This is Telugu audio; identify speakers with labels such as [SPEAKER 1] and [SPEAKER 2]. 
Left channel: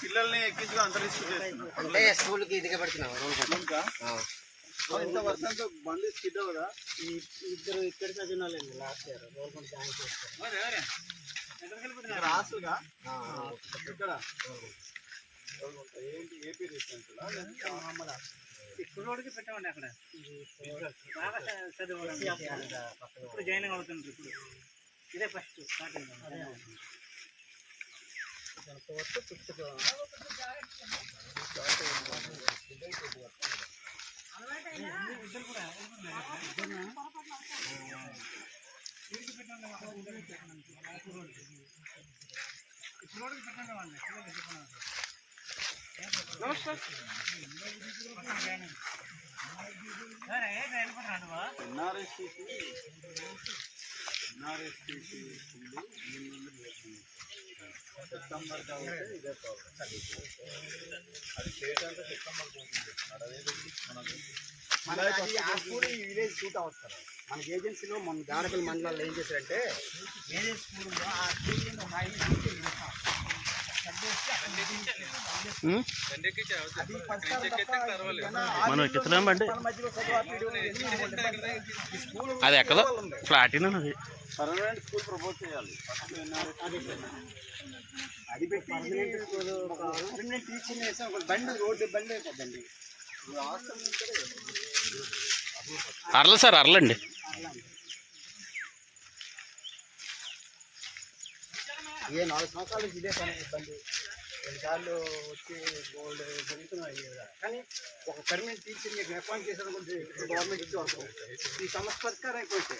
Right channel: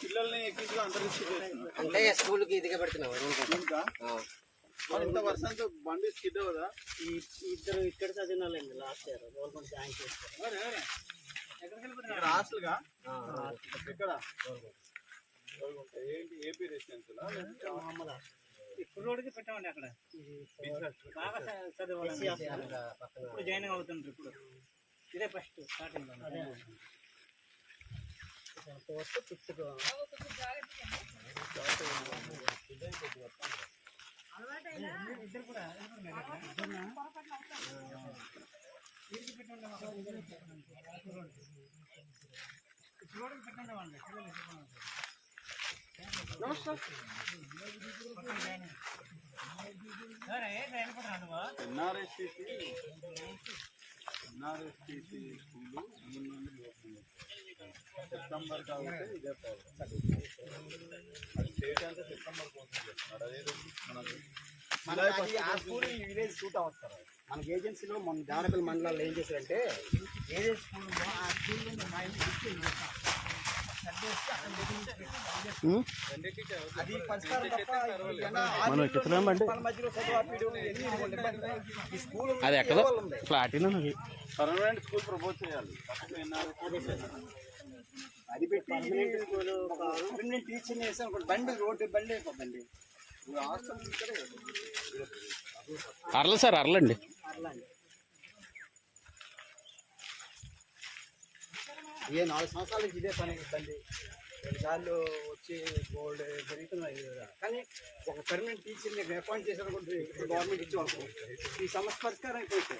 [SPEAKER 1] పిల్లల్ని ఎక్కించి
[SPEAKER 2] అంటే స్కూల్కి ఇదిగా పెడుతున్నాం రూల్ కోసం
[SPEAKER 1] ఇంకా ఇంత వర్షంతో బండి స్కిడ్ అవుదా
[SPEAKER 2] ఇద్దరు ఇక్కడ చదివిన వాళ్ళండి లాస్ట్ ఇయర్ గవర్నమెంట్ జాయిన్ చేస్తారు
[SPEAKER 1] ఇక్కడ హాస్టల్గా ఇక్కడ. ఏంటి? ఏపీ
[SPEAKER 3] కుర్రోడికి పెట్టామండి అక్కడ. బాగా చ- చదివాడు. ఇప్పుడు జాయిన్ అవుతుంది ఇప్పుడు. ఇదే first starting
[SPEAKER 2] fourth fifth
[SPEAKER 1] NRSTC NRSTC school September కాబట్టి ఇదే ప్రాబ్లం అది స్టేట్ అంతా సెప్టెంబర్ కోసం మనకు
[SPEAKER 2] మనకి ఆ స్కూల్ ఈ విలేజ్ సూట్ అవుతారు మనకి ఏజెన్సీలో మన దానపల్లి మండలాల్లో ఏం చేశారంటే ఏజెన్సీ స్కూల్ ఆ స్కూల్
[SPEAKER 4] మనం
[SPEAKER 2] స్కూల్
[SPEAKER 4] అది ఎక్కదో ఫ్లాట్ అది
[SPEAKER 1] స్కూల్ ప్రపోజ్ చేయాలి
[SPEAKER 2] అది ఒక బండి రోడ్డు బండి అయిపోద్దండి
[SPEAKER 4] అరల సార్ అరలండి.
[SPEAKER 2] ఏ నాలుగు సంవత్సరాల నుంచి ఇదే పని ఇబ్బంది. రెండుసార్లు వచ్చి గోల్డ్ జరుగుతున్నాయి కదా. కానీ ఒక పర్మనెంట్ టీచర్ మీకు అపాయింట్ చేశారనుకుంటే గవర్నమెంట్ ఇచ్చి అనుకో ఈ సమస్య పరిష్కారం అయిపోతే